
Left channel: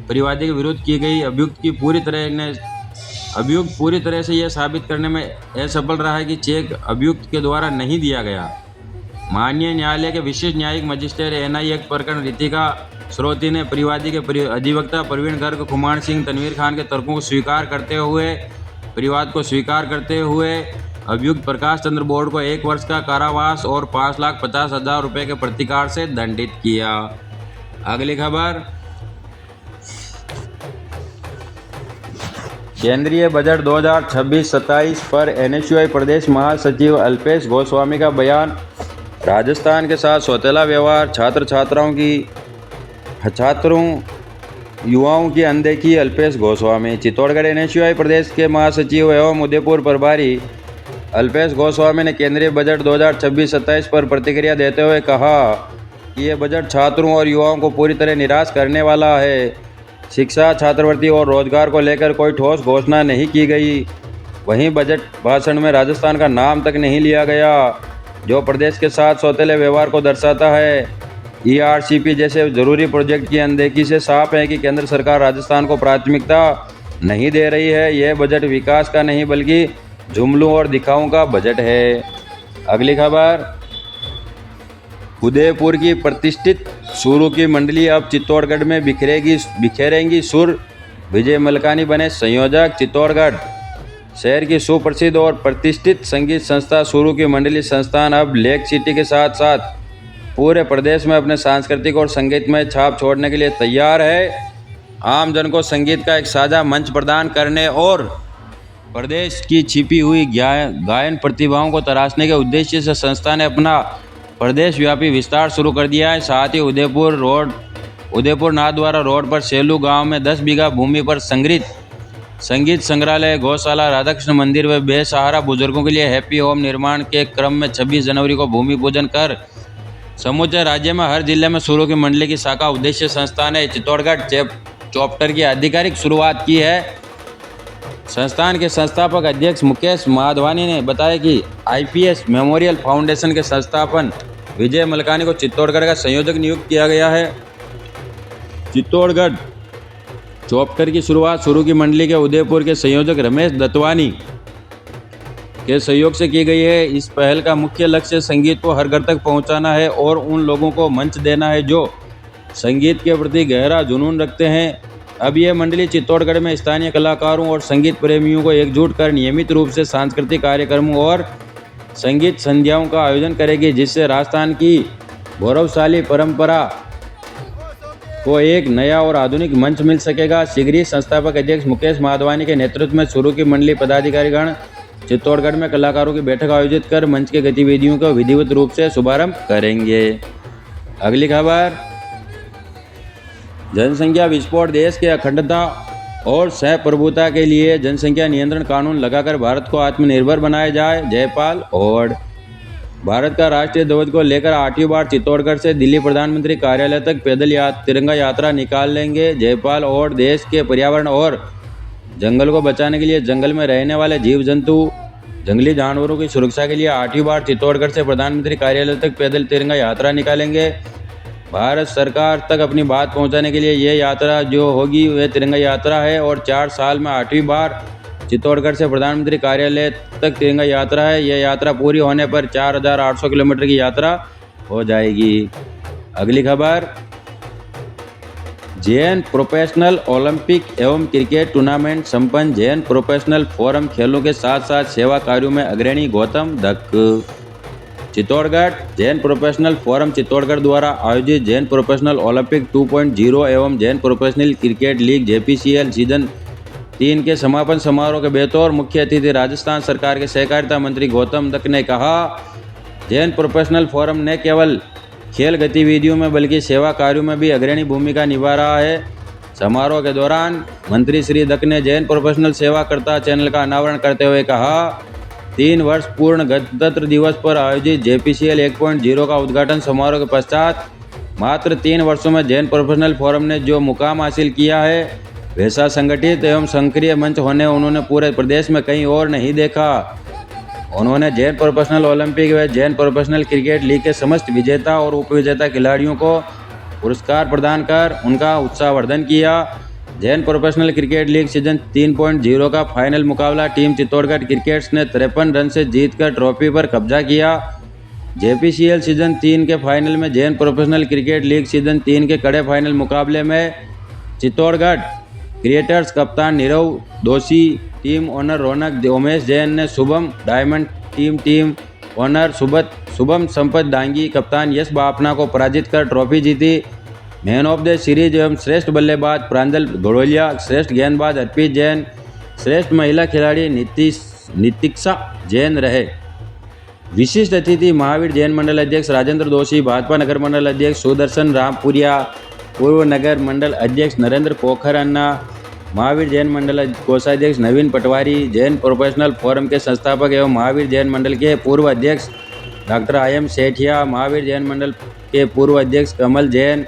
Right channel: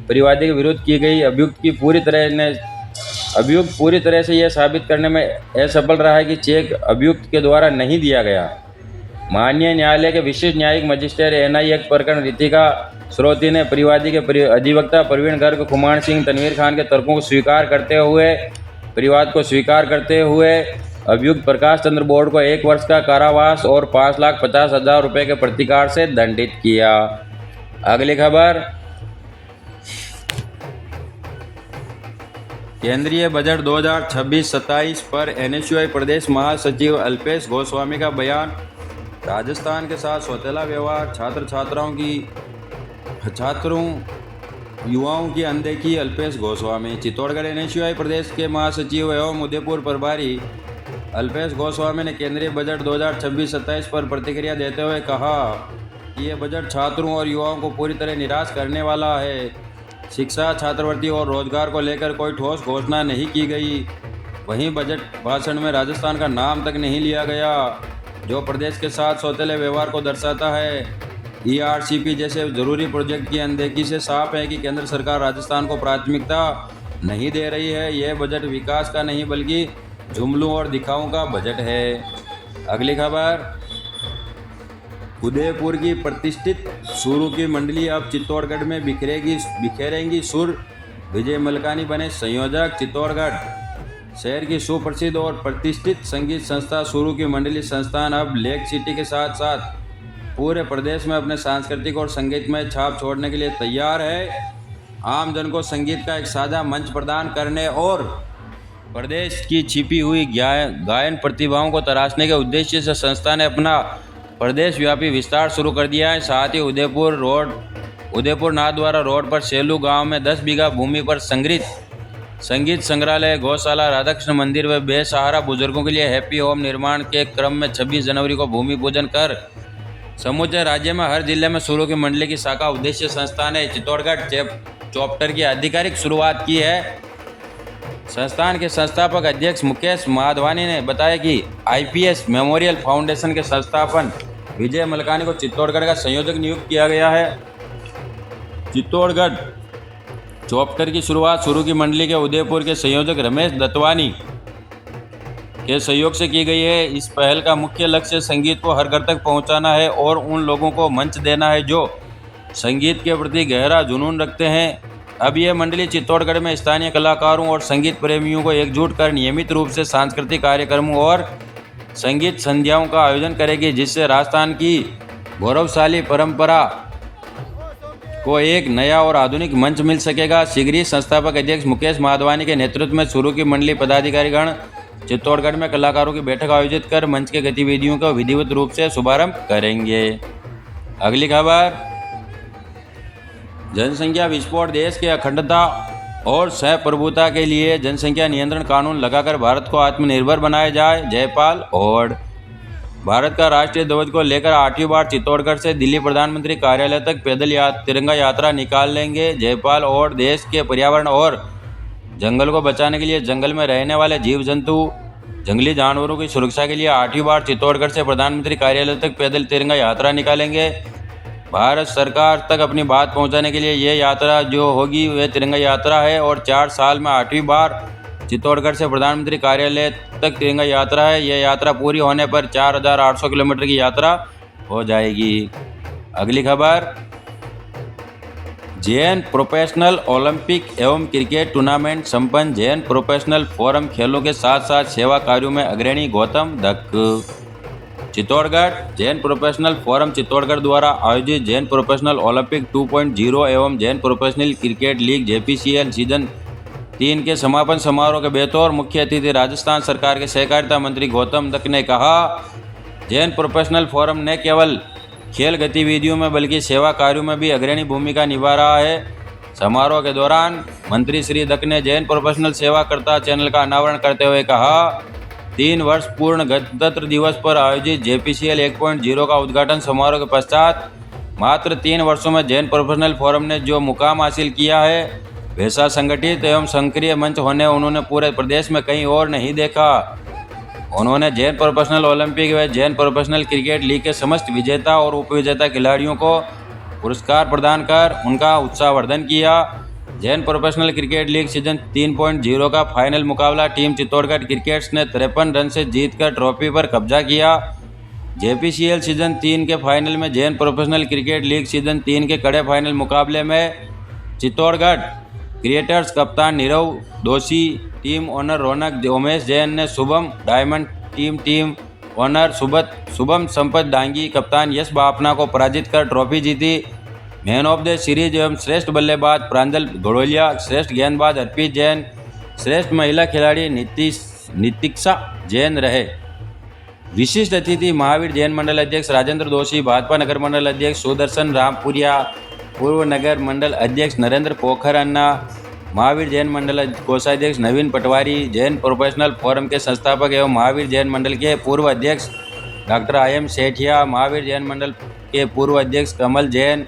परिवादी के विरुद्ध की गई। अभियुक्त पूरी तरह से यह साबित करने में असफल रहा है कि चेक अभियुक्त के द्वारा नहीं दिया गया। माननीय न्यायालय के विशिष्ट न्यायिक मजिस्ट्रेट NI एक्ट प्रकरण रितिका श्रोती ने परिवादी के अधिवक्ता प्रवीण गर्ग, खुमान सिंह, तनवीर खान के तर्कों को स्वीकार करते हुए अभियुक्त प्रकाश चंद्र बोर्ड को 1 वर्ष का कारावास और 5,50,000 रुपए के प्रतिकार से दंडित किया। अगली खबर, केंद्रीय बजट 2026-27 पर NSUI प्रदेश महासचिव अल्पेश गोस्वामी का बयान। राजस्थान के साथ सौतेला व्यवहार, युवाओं की अनदेखी। अल्पेश गोस्वामी। चित्तौड़गढ़ NSUI प्रदेश के महासचिव एवं उदयपुर प्रभारी अल्पेश गोस्वामी ने केंद्रीय बजट 2026-27 पर प्रतिक्रिया देते हुए कहा कि यह बजट छात्रों और युवाओं को पूरी तरह निराश करने वाला है। शिक्षा, छात्रवृत्ति और रोजगार को लेकर कोई ठोस घोषणा नहीं की गई। वहीं बजट भाषण में राजस्थान का नाम तक नहीं लिया गया, जो प्रदेश के साथ सौतेले व्यवहार को दर्शाता है। ERCP जैसे जरूरी प्रोजेक्ट की अनदेखी से साफ है कि केंद्र सरकार राजस्थान को प्राथमिकता नहीं दे रही है। यह बजट विकास का नहीं बल्कि जुमलों और दिखावों का बजट है। अगली खबर, उदयपुर की प्रतिष्ठित सुरों की मंडली अब चित्तौड़गढ़ में बिखेरेंगी सुर। विजय मलकानी बने संयोजक। चित्तौड़गढ़ शहर की सुप्रसिद्ध और प्रतिष्ठित संगीत संस्था सुरों की मंडली संस्थान अब लेक सिटी के साथ साथ पूरे प्रदेश में अपने सांस्कृतिक और संगीतमय छाप छोड़ने के लिए तैयार है। आम जन को संगीत का एक साझा मंच प्रदान करने और प्रदेश की छिपी हुई गायन प्रतिभाओं को तराशने के उद्देश्य से संस्था ने अपना प्रदेश व्यापी विस्तार शुरू कर दिया है। साथ ही उदयपुर नाथद्वारा रोड पर सेलू गांव में 10 बीघा भूमि पर संगीत संग्रहालय, गौशाला, राधाकृष्ण मंदिर व बेसहारा बुजुर्गों के लिए हैप्पी होम निर्माण के क्रम में 26 जनवरी को भूमि पूजन कर समूचे राज्य में हर जिले में सुरों की मंडली की शाखा उद्देश्य संस्था ने चित्तौड़गढ़ चैप्टर की आधिकारिक शुरुआत की है। संस्थान के संस्थापक अध्यक्ष मुकेश माधवानी ने बताया कि आईपीएस मेमोरियल फाउंडेशन के संस्थापन विजय मलकानी को चित्तौड़गढ़ का संयोजक नियुक्त किया गया है। चित्तौड़गढ़ चैप्टर की शुरुआत सुरों की मंडली के उदयपुर के संयोजक रमेश दत्वानी के सहयोग से की गई है। इस पहल का मुख्य लक्ष्य संगीत को हर घर तक पहुंचाना है और उन लोगों को मंच देना है जो संगीत के प्रति गहरा जुनून रखते हैं। अब यह मंडली चित्तौड़गढ़ में स्थानीय कलाकारों और संगीत प्रेमियों को एकजुट कर नियमित रूप से सांस्कृतिक कार्यक्रमों और संगीत संध्याओं का आयोजन करेगी, जिससे राजस्थान की गौरवशाली परंपरा को एक नया और आधुनिक मंच मिल सकेगा। शीघ्र ही संस्थापक अध्यक्ष मुकेश माधवानी के नेतृत्व में सुरों की मंडली पदाधिकारीगण चित्तौड़गढ़ में कलाकारों की बैठक आयोजित कर मंच के गतिविधियों का विधिवत रूप से शुभारंभ करेंगे। अगली खबर, जनसंख्या विस्फोट, देश के अखंडता और सहप्रभुता के लिए जनसंख्या नियंत्रण कानून लगाकर भारत को आत्मनिर्भर बनाया जाए। जयपाल और भारत का राष्ट्रीय ध्वज को लेकर 8वीं बार चित्तौड़गढ़ से दिल्ली प्रधानमंत्री कार्यालय तक पैदल तिरंगा यात्रा निकाल लेंगे। जयपाल और देश के पर्यावरण और जंगल को बचाने के लिए जंगल में रहने वाले जीव जंतु, जंगली जानवरों की सुरक्षा के लिए 8वीं बार चित्तौड़गढ़ से प्रधानमंत्री कार्यालय तक पैदल तिरंगा यात्रा निकालेंगे। भारत सरकार तक अपनी बात पहुंचाने के लिए यह यात्रा जो होगी वह तिरंगा यात्रा है और 4 साल में 8वीं बार चित्तौड़गढ़ से प्रधानमंत्री कार्यालय तक तिरंगा यात्रा है। यह यात्रा पूरी होने पर 4800 किलोमीटर की यात्रा हो जाएगी। अगली खबर, जैन प्रोफेशनल ओलंपिक एवं क्रिकेट टूर्नामेंट संपन्न। जैन प्रोफेशनल फोरम खेलों के साथ साथ सेवा कार्यों में अग्रणी। गौतम दक्क। चित्तौड़गढ़ जैन प्रोफेशनल फोरम चित्तौड़गढ़ द्वारा आयोजित जैन प्रोफेशनल ओलंपिक 2.0 एवं Jain professional cricket league JPCL season 3 के समापन समारोह के बतौर मुख्य अतिथि राजस्थान सरकार के सहकारिता मंत्री गौतम दक्क ने कहा, जैन प्रोफेशनल फोरम न केवल खेल गतिविधियों में बल्कि सेवा कार्यों में भी अग्रणी भूमिका निभा रहा है। समारोह के दौरान मंत्री श्री दक्क ने जैन प्रोफेशनल सेवाकर्ता चैनल का अनावरण करते हुए कहा, 3 वर्ष पूर्ण गणतंत्र दिवस पर आयोजित JPCL 1.0 का उद्घाटन समारोह के पश्चात मात्र 3 वर्षों में जैन प्रोफेशनल फोरम ने जो मुकाम हासिल किया है वैसा संगठित एवं सक्रिय मंच होने उन्होंने पूरे प्रदेश में कहीं और नहीं देखा। उन्होंने जैन प्रोफेशनल ओलंपिक व जैन प्रोफेशनल क्रिकेट लीग के समस्त विजेता और उपविजेता खिलाड़ियों को पुरस्कार प्रदान कर उनका उत्साहवर्धन किया। Jain professional cricket league season 3.0 का फाइनल मुकाबला टीम चित्तौड़गढ़ क्रिकेट्स ने 53 रन से जीतकर ट्रॉफी पर कब्जा किया। JPCL सीजन 3 के फाइनल में Jain professional cricket league season 3 के कड़े फाइनल मुकाबले में चित्तौड़गढ़ क्रिकेटर्स कप्तान नीरव दोषी, टीम ओनर रौनक उमेश जैन ने Shubham diamond team owner Shubham Sampat Dangi, कप्तान यश बापना को पराजित कर ट्रॉफी जीती। मैन ऑफ द सीरीज एवं श्रेष्ठ बल्लेबाज प्रांजल घोड़ोलिया, श्रेष्ठ गेंदबाज अर्पित जैन, श्रेष्ठ महिला खिलाड़ी नितिक्षा जैन रहे। विशिष्ट अतिथि महावीर जैन मंडल अध्यक्ष राजेंद्र दोषी, भाजपा नगर मंडल अध्यक्ष सुदर्शन रामपुरिया, पूर्व नगर मंडल अध्यक्ष नरेंद्र पोखर अन्ना, महावीर जैन मंडल कोषाध्यक्ष नवीन पटवारी, जैन प्रोफेशनल फोरम के संस्थापक एवं महावीर जैन मंडल के पूर्व अध्यक्ष डॉक्टर IM सेठिया, महावीर जैन मंडल के पूर्व अध्यक्ष कमल जैन,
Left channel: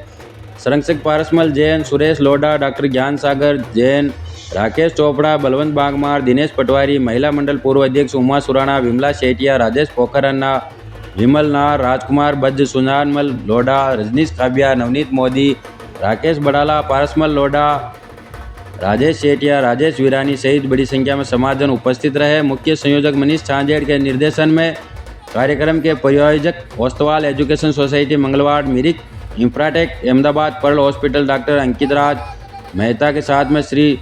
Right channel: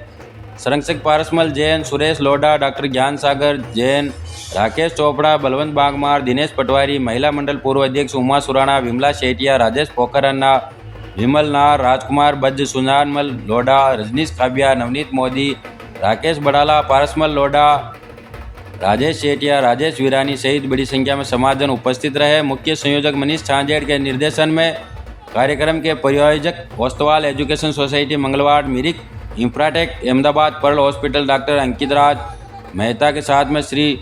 संरक्षक पारसमल जैन, सुरेश लोढ़ा, डॉक्टर ज्ञान सागर जैन, राकेश चोपड़ा, बलवंत बागमार, दिनेश पटवारी, महिला मंडल पूर्व अध्यक्ष उमा सुराणा, विमला शेटिया, राजेश पोखर अन्ना, विमल नार, राजकुमार बज्ज, सुजानमल लोढ़ा, रजनीश खाबिया, नवनीत मोदी, राकेश बड़ाला, पारसमल लोढ़ा, राजेश सेठिया, राजेश वीरानी सहित बड़ी संख्या में समाजजन उपस्थित रहे। मुख्य संयोजक मनीष छांजेड़ के निर्देशन में कार्यक्रम के प्रायोजक Ostwal education society Mangalwad, Mirik, infratech Ahmedabad, pearl hospital, doctor Ankit Raj Mehta के साथ में Shri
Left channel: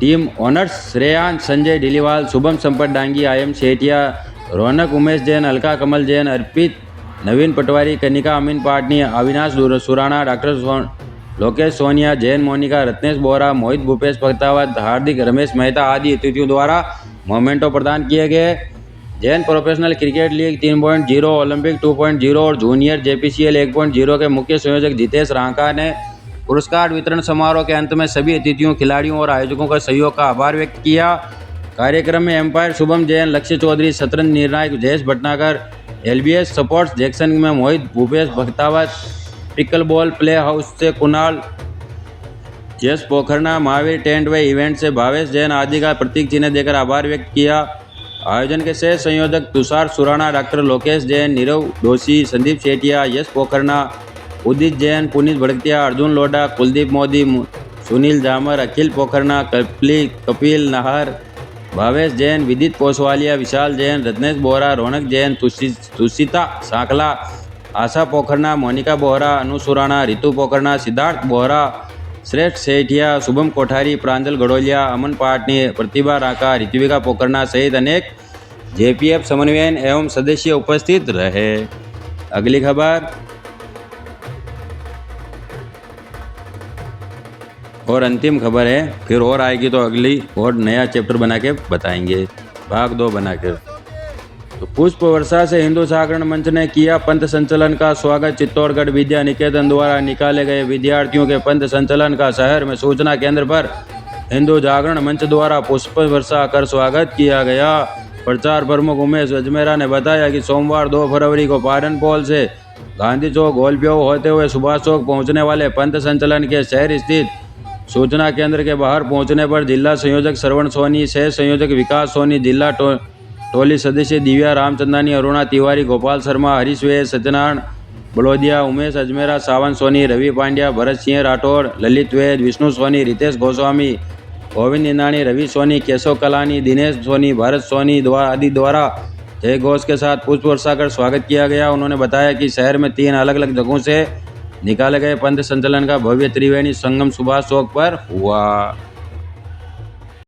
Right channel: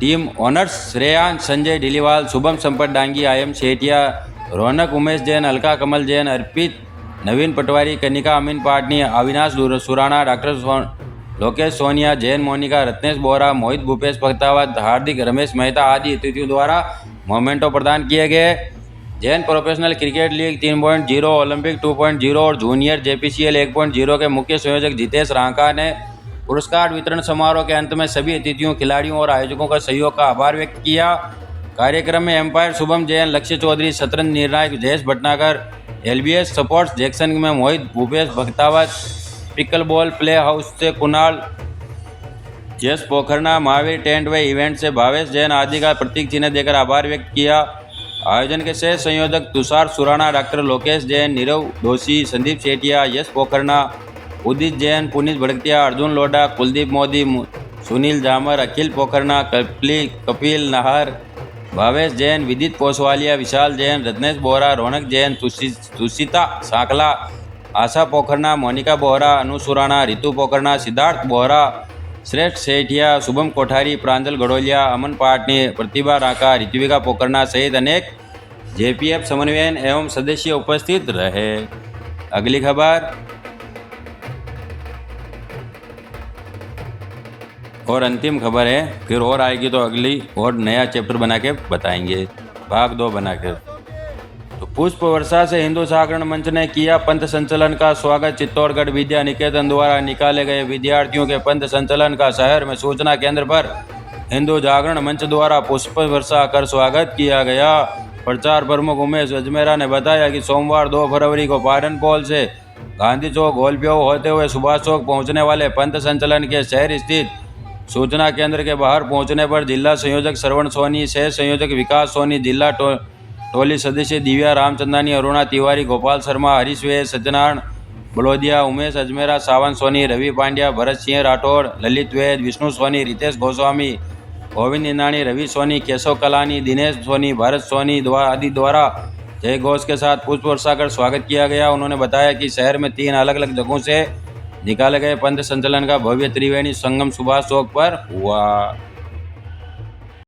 team honours Shreyansh, Sanjay Dhilliwal, Shubham Sampat Dangi, Ayam Sethia, Raunak Umesh Jain, Alka Kamal Jain, Arpit, Naveen Patwari, Kanika Amin Patni, Avinash Surana, doctor Lokesh Sonia, Jain Monika, Ratnesh Bora, Mohit Bhupesh Bhaktawat, Hardik, Ramesh Mehta आदि अतिथियों द्वारा मोमेंटो प्रदान किए गए। Jain professional cricket league 3.0, Olympic 2.0 और जूनियर JPCL 1.0 के मुख्य संयोजक जितेश रांका ने पुरस्कार वितरण समारोह के अंत में सभी अतिथियों, खिलाड़ियों और आयोजकों का सहयोग का आभार व्यक्त किया। कार्यक्रम में एम्पायर शुभम जैन, लक्ष्य चौधरी, शतरंज निर्णायक जयेश भटनागर, LBS स्पोर्ट्स जैक्सन में Mohit Bhupesh Bhaktawat, pickle ball play house से Kunal, Yash Pokharna, Mahavir tent way event से भावेश जैन आदि का प्रतीक चिन्ह देकर आभार व्यक्त किया। आयोजन के सह संयोजक तुषार सुराणा, डॉक्टर लोकेश जैन, नीरव दोषी, संदीप सेठिया, यश पोखरना, उदित जैन, पुनीत भड़कतिया, अर्जुन लोढ़ा, कुलदीप मोदी, सुनील जामर, अखिल पोखरना, कपिल नाहर, भावेश जैन, विदित पोसवालिया, विशाल जैन, रत्नेश बोरा, रौनक जैन, तुषिता सांकला, आशा पोखरना, मोनिका बोहरा, अनु सुराणा, रितु पोखरना, सिद्धार्थ बोहरा, श्रेष्ठ सेठिया, शुभम कोठारी, प्रांजल गड़ोलिया, अमन पाटनी, प्रतिभा राका, ऋत्विका पोखरना सहित अनेक JPF समन्वयन एवं सदस्य उपस्थित रहे। अगली खबर और अंतिम खबर है, फिर और आएगी तो अगली और नया चैप्टर बना के बताएंगे, भाग 2 बनाकर। तो पुष्प वर्षा से हिंदू जागरण मंच ने किया पंथ संचलन का स्वागत। चित्तौड़गढ़ विद्या निकेतन द्वारा निकाले गए विद्यार्थियों के पंथ संचलन का शहर में सूचना केंद्र पर हिंदू जागरण मंच द्वारा पुष्प वर्षा कर स्वागत किया गया। प्रचार प्रमुख उमेश अजमेरा ने बताया कि सोमवार 2 फरवरी को पाटन पोल से गांधी चौक गोलप्यो होते हुए सुभाष चौक पहुंचने वाले पंथ संचलन के शहर स्थित सूचना केंद्र के बाहर पहुंचने पर जिला संयोजक श्रवण सोनी, सह संयोजक विकास सोनी, जिला टोली सदस्य दिव्या रामचंदानी, अरुणा तिवारी, गोपाल शर्मा, हरीश वैद, सत्यनारायण बड़ोदिया, उमेश अजमेरा, सावन सोनी, रवि पांड्या, भरत सिंह राठौड़, ललित वैद, विष्णु सोनी, रितेश गोस्वामी, गोविंद इंदानी, रवि सोनी, केशव कलानी, दिनेश सोनी, भारत सोनी आदि द्वारा जय घोष के साथ पुष्प वर्षा कर स्वागत किया गया। उन्होंने बताया कि शहर में 3 अलग अलग जगहों से निकाले गए पंथ संचलन का भव्य त्रिवेणी संगम सुभाष चौक पर हुआ।